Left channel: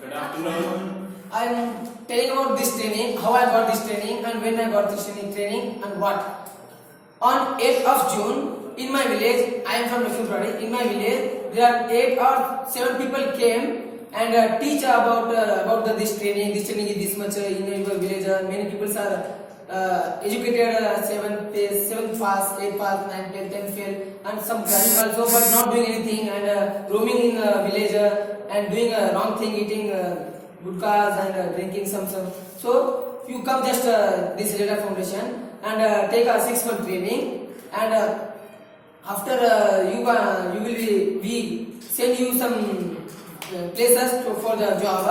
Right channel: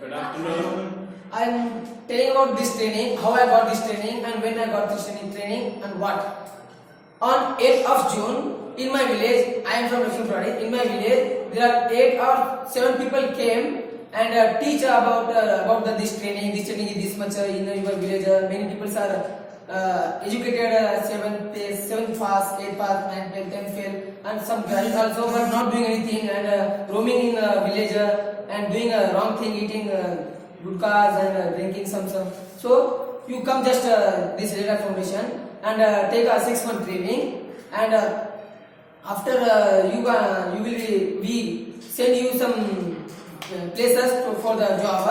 Good afternoon. I am telling about this training, how I got this training and when I got this training and what. On 8th of June, in my village, I am from Lakhimpur. In my village, there are 8 or 7 people came and teach about this training. This training is this much in your village. Many people are educated 7th pass, 8th pass, 9th fail, 10th fail, and some graduate also, but not doing anything and roaming in the village and doing a wrong thing, eating gutkas and drinking some. So you come just this Reda Foundation and take a 6-month training, and after you will we send you some places for the job.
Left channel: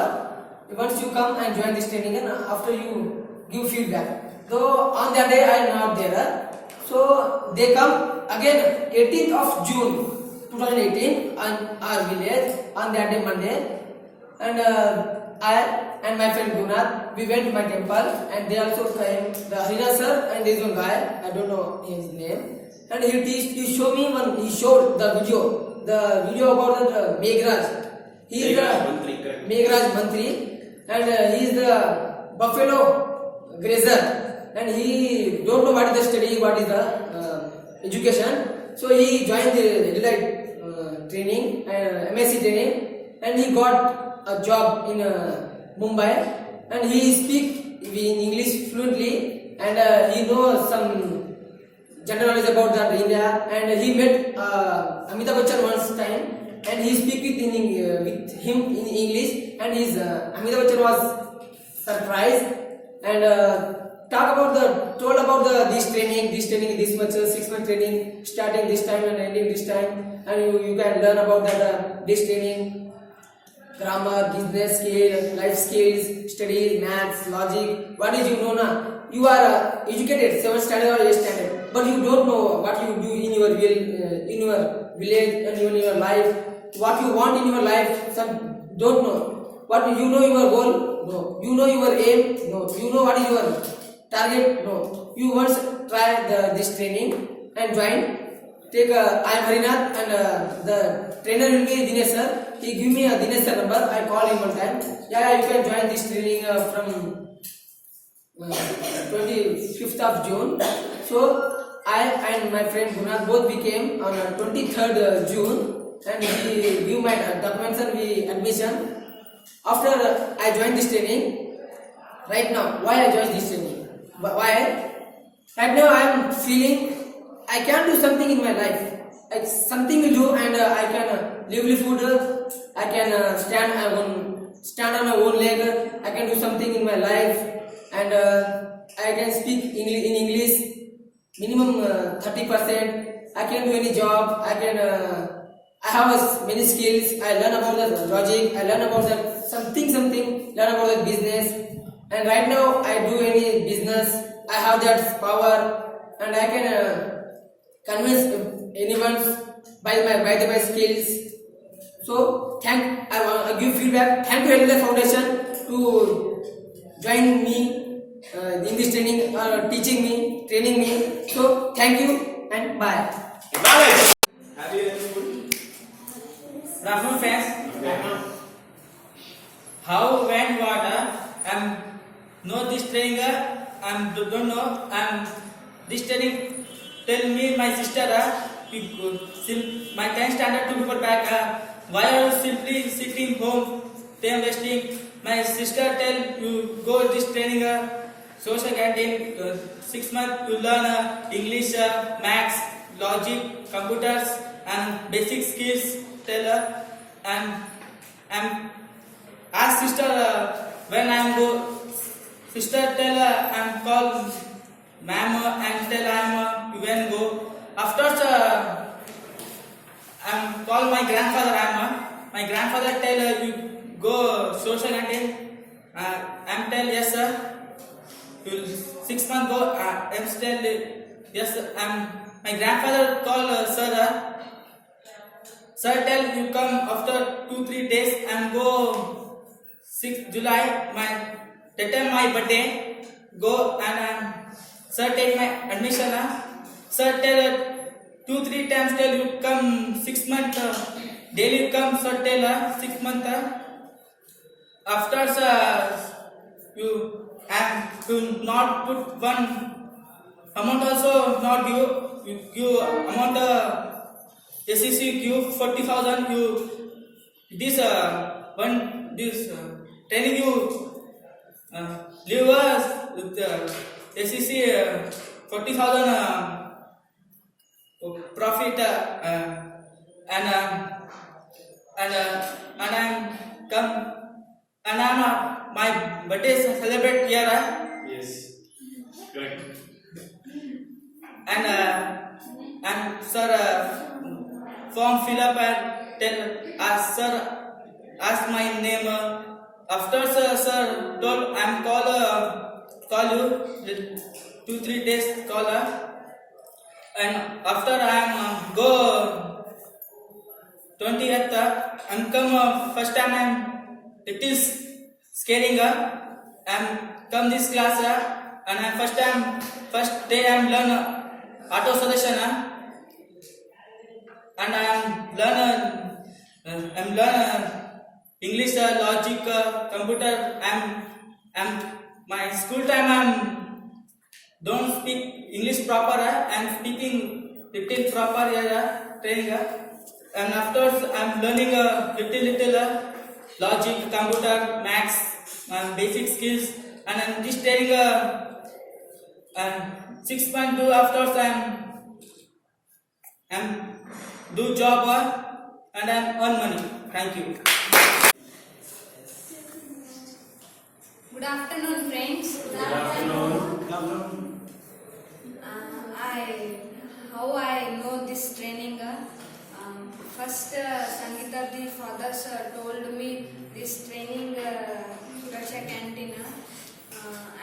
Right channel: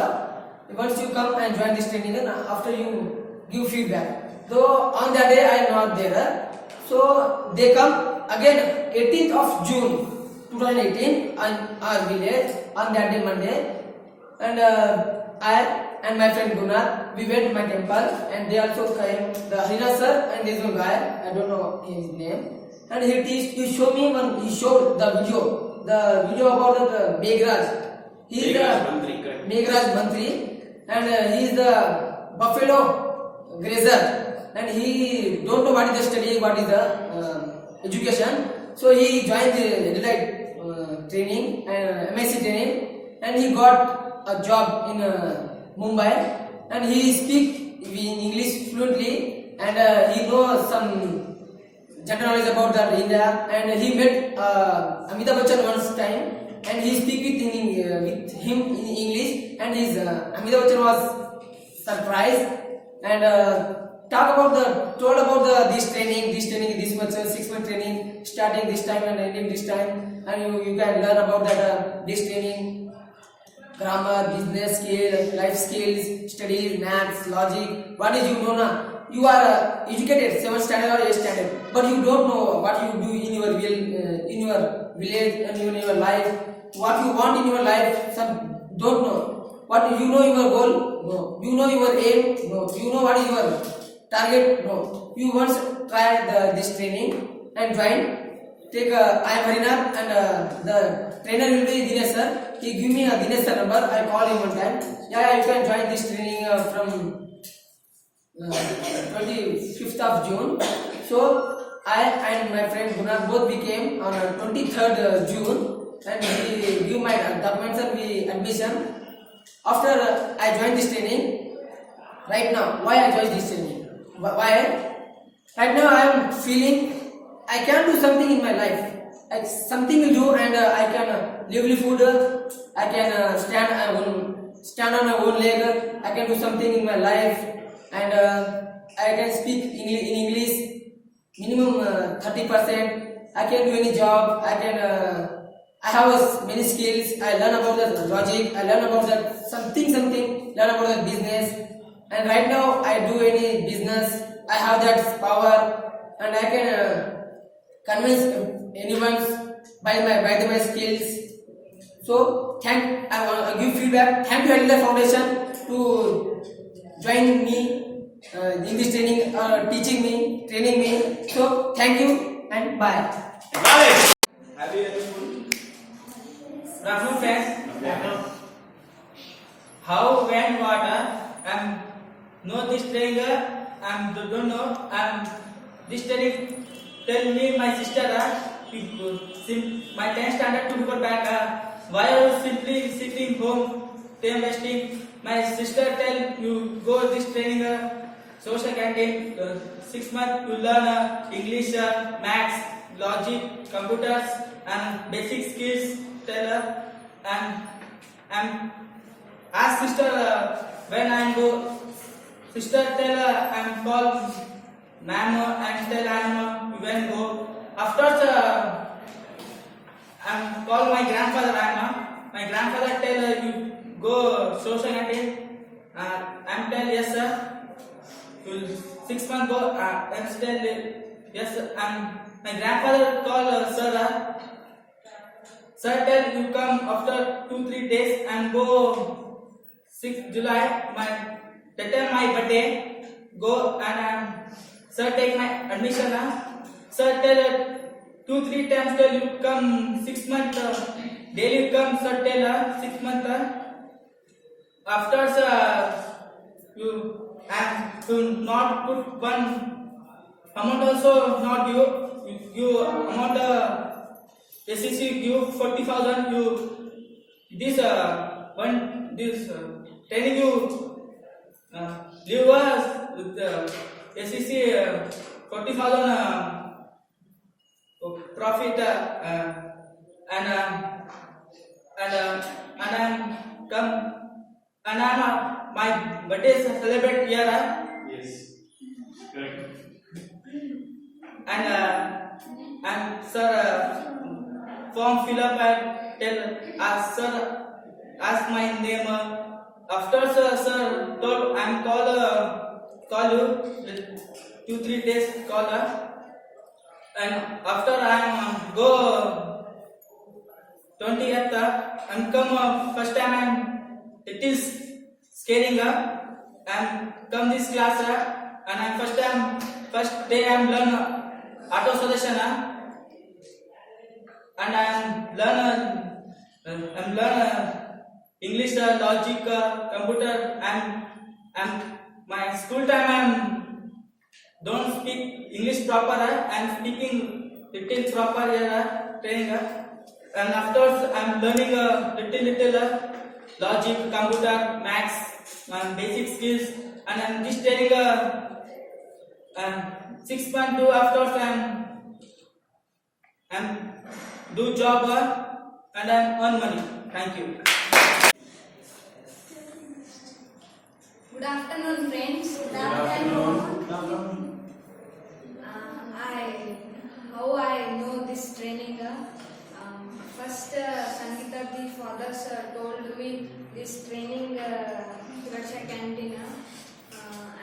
Once you come and join this training, and after you give feedback. So on that day I am not there. So they come again 18th of June 2018 on our village on that day Monday, and I and my friend Gunnar, we went to my temple, and they also came. The Harina sir and this one guy, I don't know his name, and he showed me he showed the video about the Meghraj. He is the Meghraj Mantri, and he is the buffalo grazer, and he don't know what is the study, what is the education. So he joined the training and MSc training, and he got a job in Mumbai, and he speak in English fluently, and he knows some general knowledge about the India, and he met Amitabh Bachchan once time, and he speak it with him in English, and his Amitabh Bachchan was surprised and told about this training this much 6-month training, starting this time and ending this time, and you can learn about that this training, grammar, business skills, life skills, studies, maths, logic. What is you know now? You are educated 7th standard or 8th standard, but you don't know what you do in your village and in your life. What you want in your life, some don't know. What you know your goal? No. You know your aim? No. You know what is your target? No. You once try this training and join. Take I am Harinath, and the trainer will be Dinesh sir. He give me a Dinesh sir number. I call him one time. Yeah, you can join this training from 25th of June. So I and my friend Gunnar both became on 23rd June, and we give my documents and we admission. After I joined this training, right now, why I joined this training? Why? Right now I am feeling I can do something in my life. Something will do, and I can livelihood. I can stand on my own leg. I can do something in my life, and I can speak in English minimum 30%. I can do any job. I have many skills. I learn about the logic. I learn about the something. Learn about the business. And right now I do any business. I have that power, and I can convince anyone by my skills. So I want to give feedback. Thank you Harina Foundation to joining me in this training, teaching me, training me. So thank you and bye. Good afternoon, friends. How, when, what, know this training, don't know, this training tell me my sister, my 10th standard 2 paper back, why I was simply sitting home, time wasting. My sister tell you go this training, social canteen, 6 months you learn English, maths, logic, computers, and basic skills. Tell her, and ask sister when I go. Sister tell her I'm call ma'am and tell I'm when go. After I'm call my grandfather. My grandfather tell her you go social canteen. I'm tell yes sir. You 6 months go. I'm tell yes sir. My grandfather call sir. Sir tell you come after 2-3 days and go 6th July. Tell my birthday. Go and sir take my admission. Sir tell 2-3 times tell you come 6 months. Daily come sir tell 6 months. after you and to not put one amount also not you amount SEC give 40,000 you this one this training you leave us with SEC 40,000 profit and I'm come and I'm my birthday celebrate here Yes. Correct. and sir form fill up and tell ask sir ask my name after sir told I'm call you 2-3 days call and after I'm go 20th I'm come first time I'm it is scaring I'm come this class and I'm first day I'm learn auto solution and I'm learn English logic computer I'm my school time I'm don't speak English proper I'm speaking little proper training and afterwards I'm learning little logic computer maths and basic skills and I'm just training and 6.2 afterwards I'm do job and I'm earn money. Thank you. Good afternoon, friends. Good afternoon. I know this training. First, Sangeeta the father told me this training Suraksha canteen,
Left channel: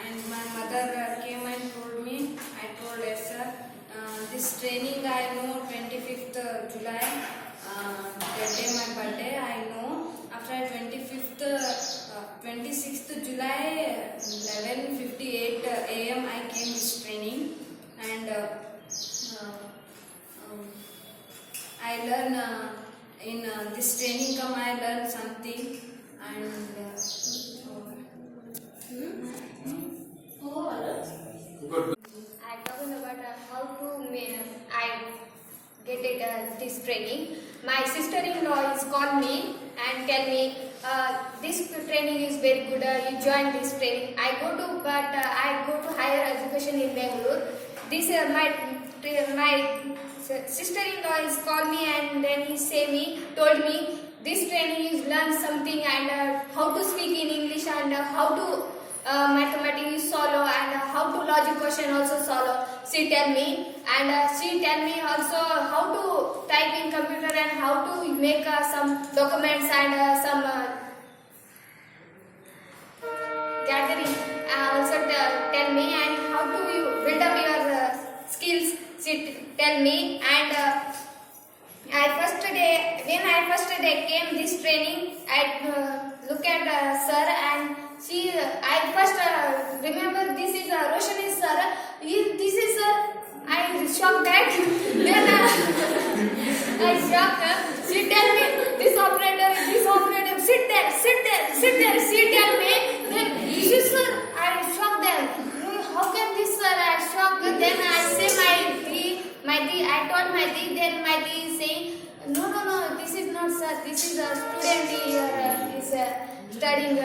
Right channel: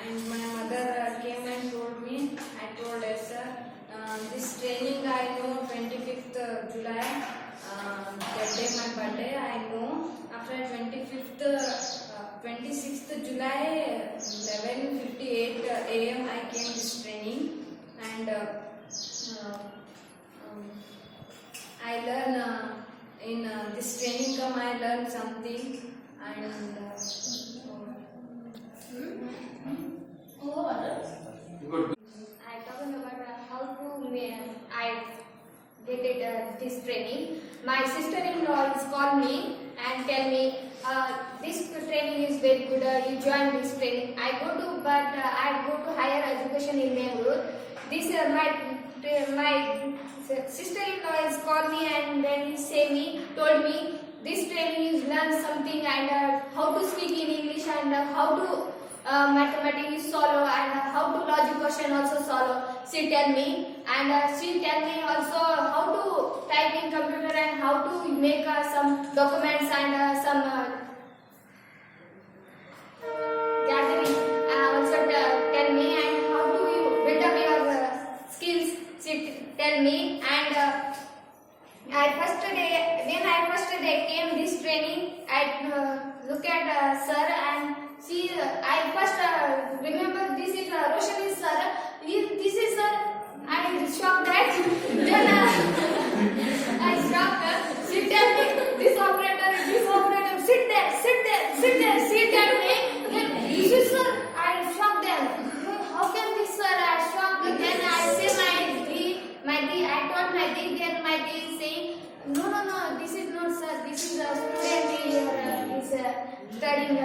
and my mother came and told me. I told yes, sir. This training I know 25th July. That day my birthday. I know after 26th July 11:58 a.m. I came this training and I learn in this training come I learn something and I talking about how to I get it this training. My sister-in-law is called me and tell me this training is very good. You join this training. I go to higher education in Bangalore. This my sister-in-law is called me and then told me this training is learn something and how to speak in English and how to mathematics solve and how to logic question also solve. She tell me and she tell me also how to type in computer and how to make some documents and some gathering. Also tell me and how do you build up your skills. She tell me and when I first day came this training, I look at sir and I first remember this is Roshani sir. This is sir. I shocked that. Then I shocked. She tell me this operator, sit there. She tell me this is sir. I shocked them. How can this sir? I shocked. Then I say I told my di. Then my di is saying no. This is not sir. This is a student here. Is studying.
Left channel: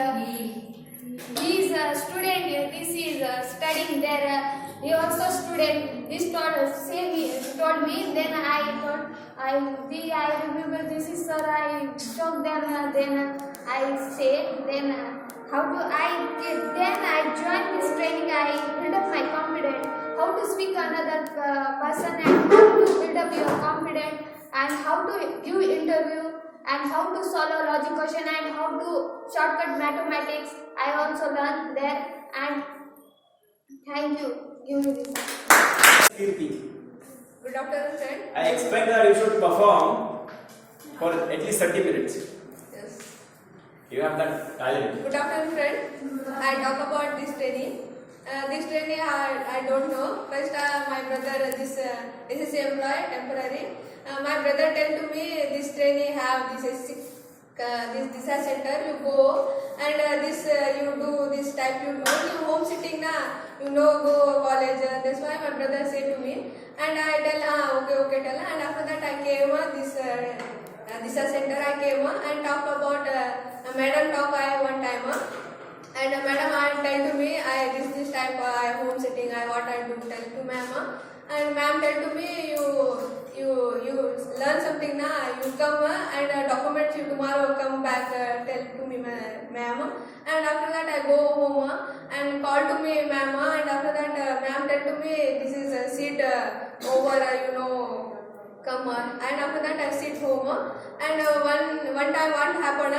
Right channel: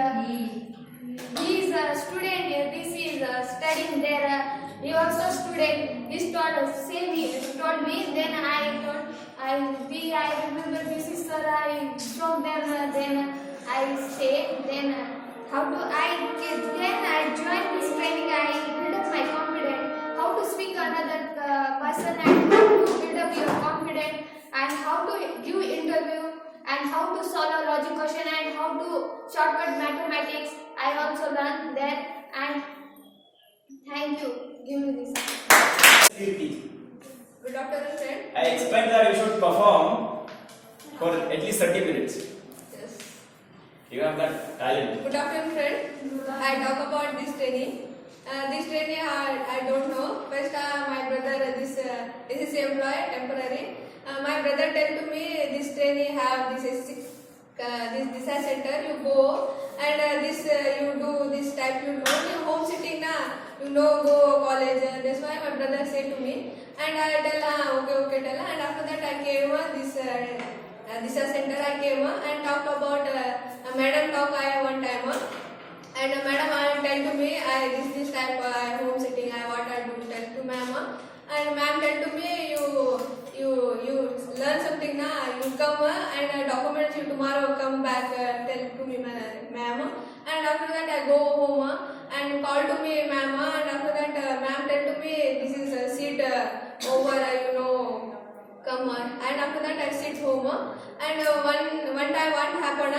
He is a student. This is studying there. He also student. He told me. Then I remember this is sir. I shocked them. Then I say how do I join this training. I build up my confidence. How to speak another person and how to build up your confidence and how to give interview and how to solve a logic question and how to shortcut mathematics. I also learned there and thank you. Give me this. 50. good afternoon, friend. I expect that you should perform for at least 30 minutes. Yes. You have that talent. Good afternoon, friend. I talk about this training. This training I don't know. First, my brother this is employee temporary. My brother tell to me this training have this this Disha center, you go and you do this type. You only home sitting na. You know go college. That's why my brother say to me, and I tell okay tell. And after that I came this Disha center. I came and talk about a madam talk I one time. And madam I tell to me this type home sitting I what I do tell to ma'am. And ma'am tell to me you learn something na, you come and documents you tomorrow come back tell to me ma'am. And after that I go home and call to me ma'am. And after that ma'am tell to me this is a seat over come and after that I sit home and one time what happened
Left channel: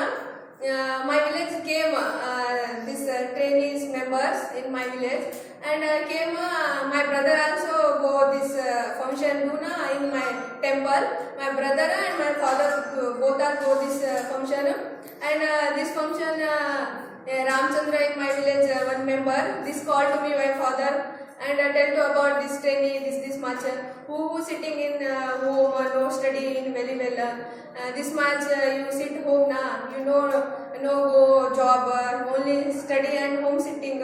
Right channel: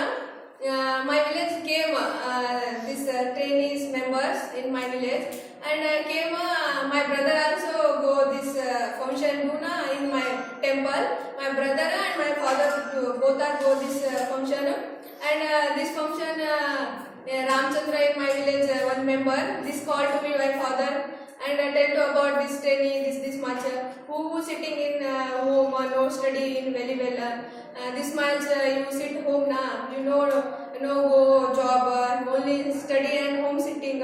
my village came this trainees members in my village and came my brother also go this function in my temple. My brother and my father both are go this function and this function Ramchandra in my village one member this called to me my father and tell to about this trainee this much who sitting in home no study in very well this much you sit home na you know no go job only study and home sitting.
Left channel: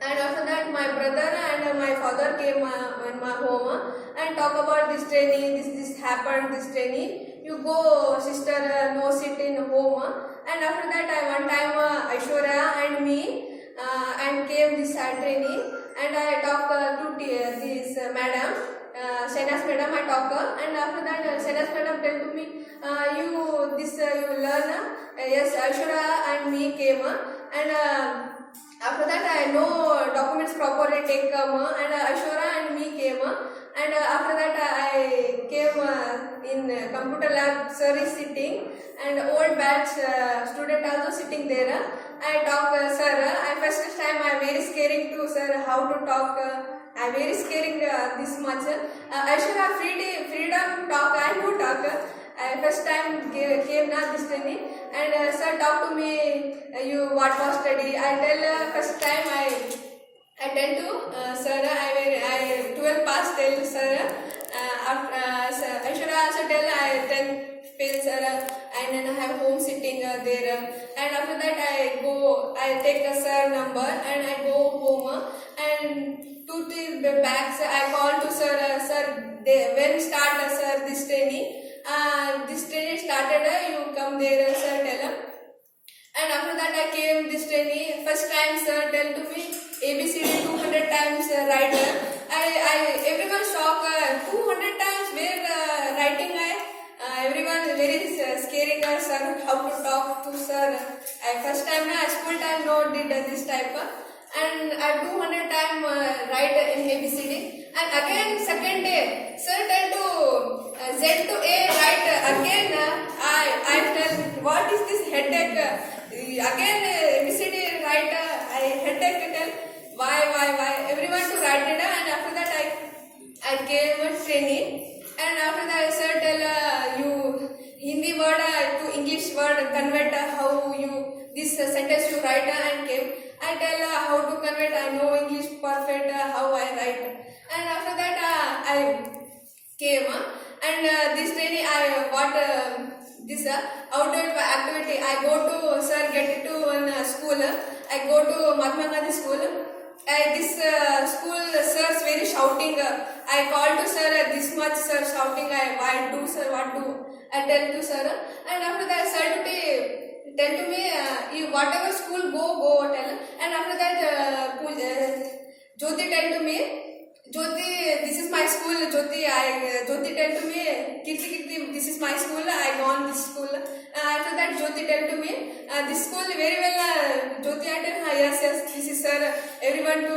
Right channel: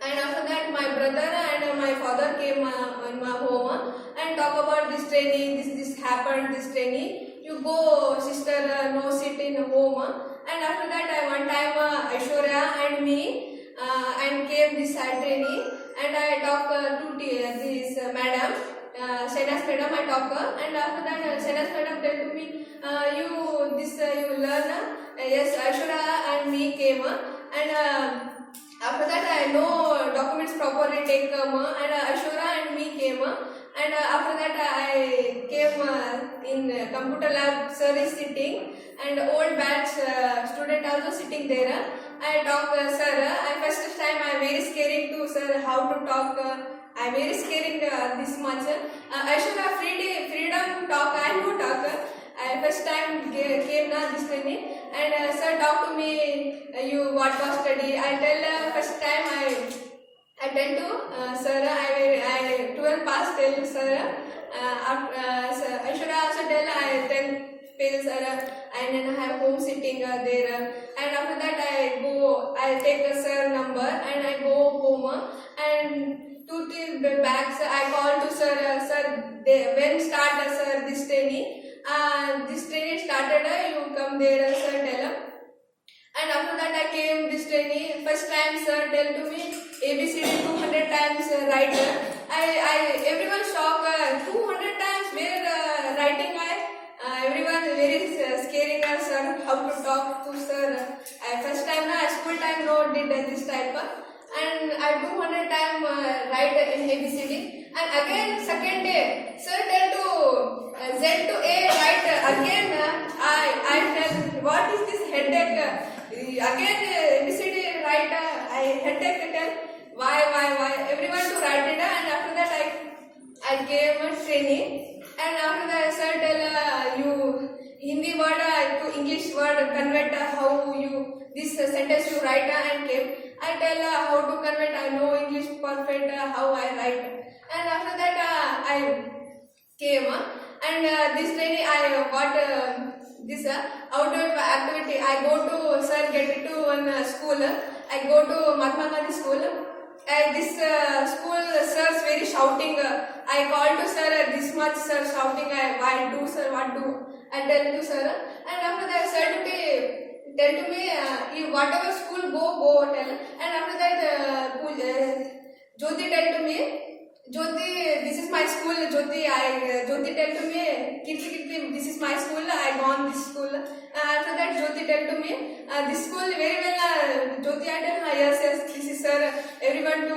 And after that my brother and my father came in my home and talk about this training this happened this training you go sister no sit in home. And after that one time Aishwarya and me and came this training and I talk to this madam Shenas madam I talk and after that Shenas madam tell to me you learn yes Aishwarya and me came and after that I know documents properly take come and Aishwarya and me came and after that I came in computer lab sir is sitting and old batch student also sitting there. I talk sir and first time I very scaring to sir how to talk I very scaring this much Aishwarya freedom talk I no talk. First time came na this training and sir talk to me you what was study. I tell first time I tell to sir I 12 pass tell sir I should also tell I 10 fail sir and then I have home sitting there and after that I take a sir number and I go home and 2 3 bags I call to sir when start sir this training. This training started, you come there, sir tell. And after that I came this training. First time sir tell to me ABCD 200 times write. Everyone shocked 200 times where writing everyone very scaring sir how to talk to sir. First time school time no did this type. And I 200 time write in ABCD. And again second day sir tell to Z to A write again. I tell what is this headache? Again ABCD write I headache tell why everyone to write it and after that I gave a training and after that sir tell you Hindi word to English word convert how you this sentence you write and came. I tell how to convert I know English perfect how I write and after that I came and this training I got this outdoor activity. I go to sir get to one school. I go to Mahatma Gandhi school. This school sir very shouting. I call to sir this much sir shouting. Why do sir what do? I tell to sir and after that sir to be tell to me you whatever school go tell and after that Jyoti tell to me Jyoti this is my school Jyoti tell to me Kirti this is my school I gone this school after that Jyoti tell to me this school very well Jyoti I tell yes this is sir everyone to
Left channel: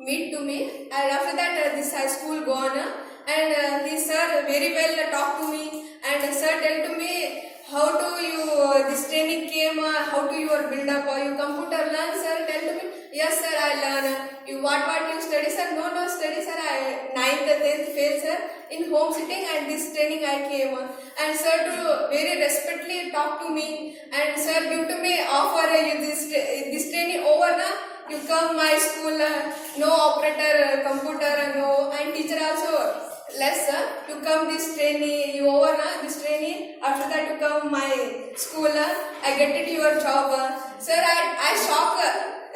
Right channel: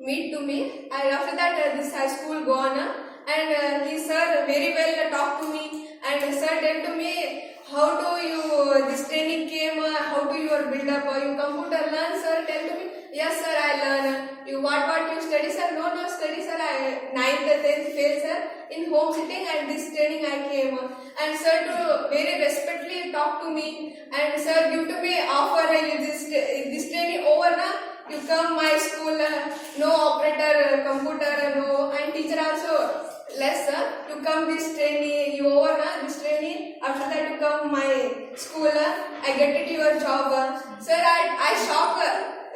meet to me and after that this high school gone and this sir very well talk to me and sir tell to me how do you this training came how do you build up you computer learn sir tell to me yes sir I learn you what you study sir no study sir I 9th 10th fail sir in home sitting and this training I came and sir to very respectfully talk to me and sir give to me offer you this training over na you come my school no operator computer no and teacher also less to come this training you over this training after that you come my school get it your job. Sir, I shock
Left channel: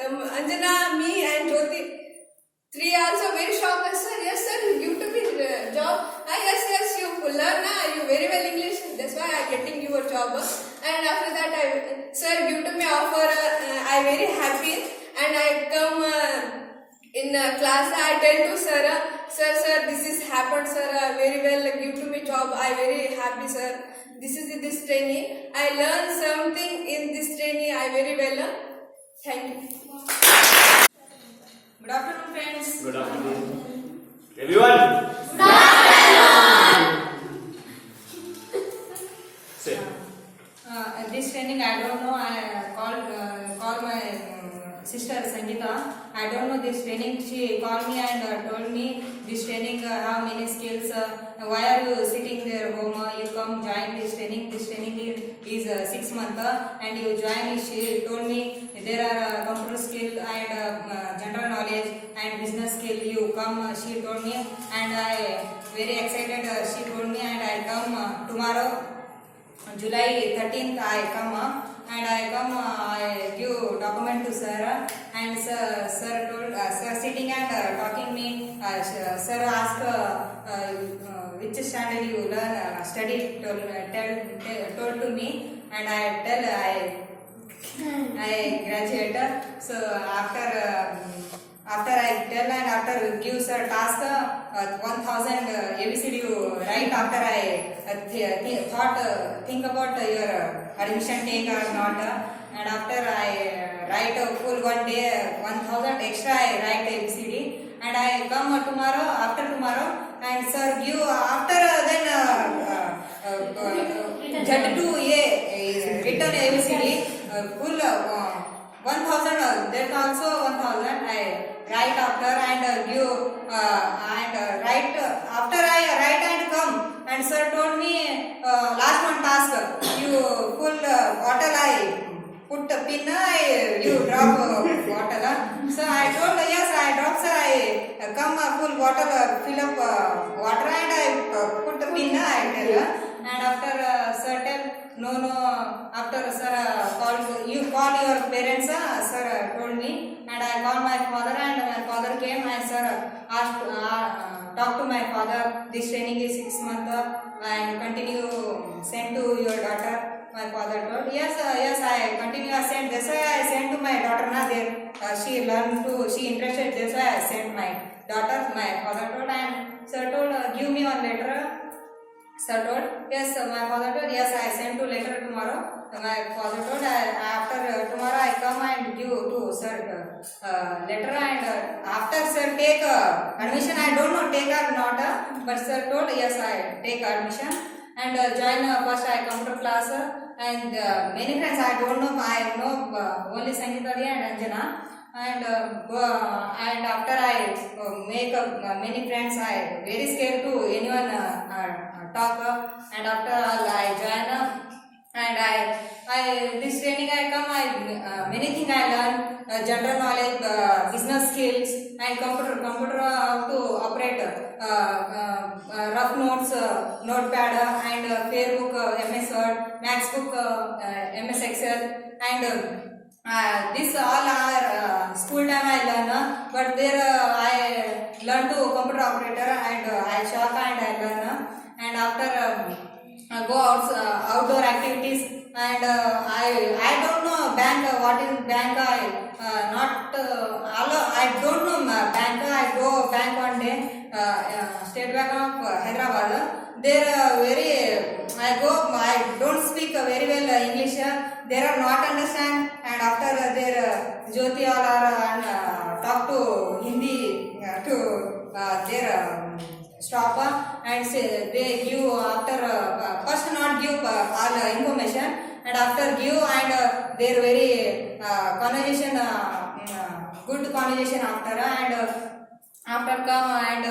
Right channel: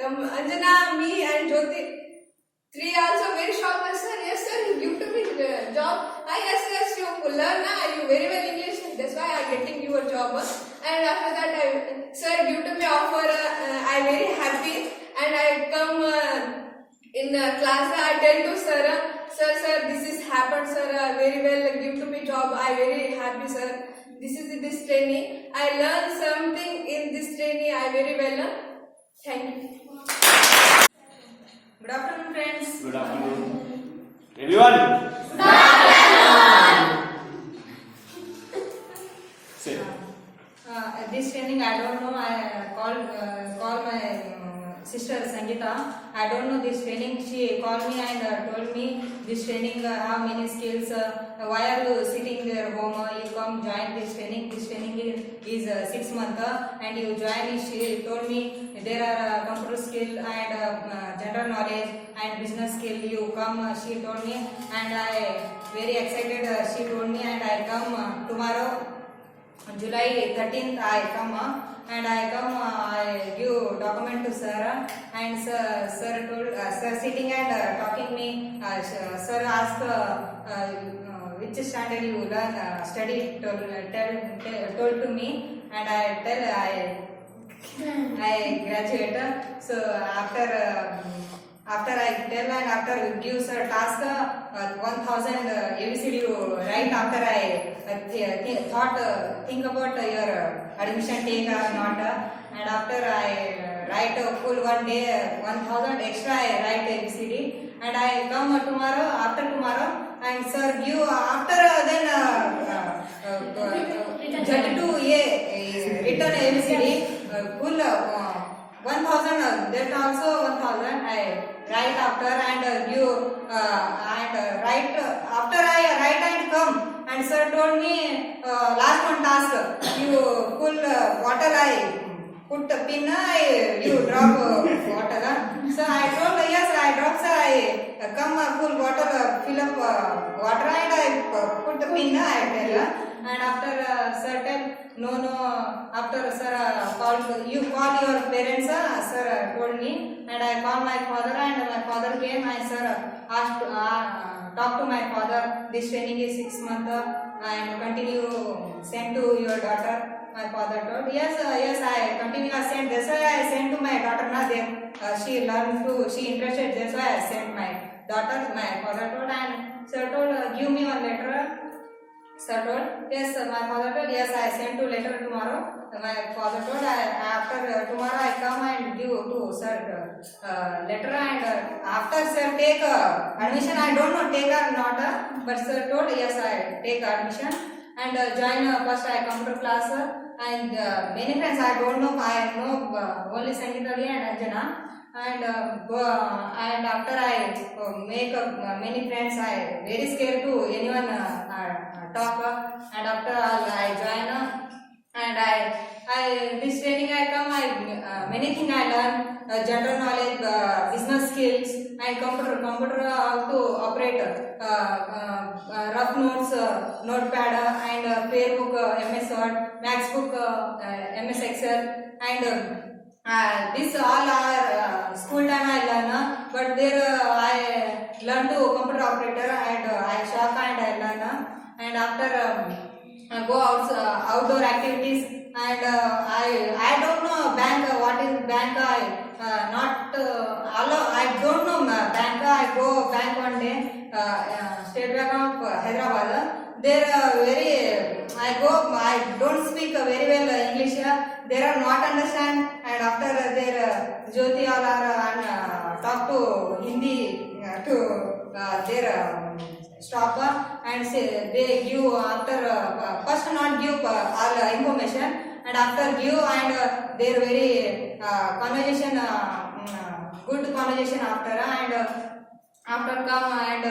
Anjana, me and Jyoti. 3 hours of very shocked. Sir, yes sir, you give to me job. Yes, you learn, you very well English. That's why I getting your job. And after that, sir give to me offer. I very happy, and I come in class. I tell to sir, this is happened, sir. Very well give to me job. I very happy, sir. This is this training. I learn something in this training. I very well. Thank you. Good afternoon, friends. Good afternoon. Everyone. Say. This training, I don't know. I call my sister Sangeeta. I don't know this training. She called me and told me this training how many skills. Why are you sitting there home? You come join this training. This training is 6 months and you join. She told me there are computer skill and general knowledge and business skill. You come. She told me and I very excited. She told me and I come tomorrow. July 13th I come and I give document to sir and sir told sir sitting and talking me sir ask which standard you learn study told to me and I tell I graduate. So after I tell and after give sir task 1000 ABCD you write. After I think about your admission take or not, and after I write full 1 day 1000 extra I write ABCD and I come after tomorrow and sir give after then Z2A written ABCD full 1000 then also 1000 I write after and give and write after I write and come and sir told me last one task you full bottle I put a pin you drop bottle. So I told yes I drop sir I come full bottle fill up water and I put a pin I tell and after sir tell no after sir called you call your parents sir told me and I called my father and my father came and sir asked talk to my father. This training is 6 months and continue send to your daughter. My father told yes I continue send. That's why I sent to my daughter na there she learned to she interested. That's why I sent my daughter. My father told and sir told give me one letter. Sir told yes. My father told yes I send to letter tomorrow. My father told after tomorrow I come and give to sir letter and after sir take admission. I don't know take or not but sir told yes I take admission and join first I computer class and many friends I don't know. I know only Sangeeta and Anjana and go and after I make many friends I very scared to anyone talk and after I join and I this training I come many things I learn general knowledge business skills and computer how to operate rough notes notepad and Facebook MS Word Max book MS Excel and this all are school time I learn but there I learn to computer operator and I shock and I learn and after go outdoor activities and I don't know bank what is bank I don't know bank. I go bank one day State Bank of Hyderabad. There very I don't speak very well English. They are not understand and after their Jyoti all are talk to Hindi to their stop and say they give after first not give all information and after give and their very conversation good conversation after and after come and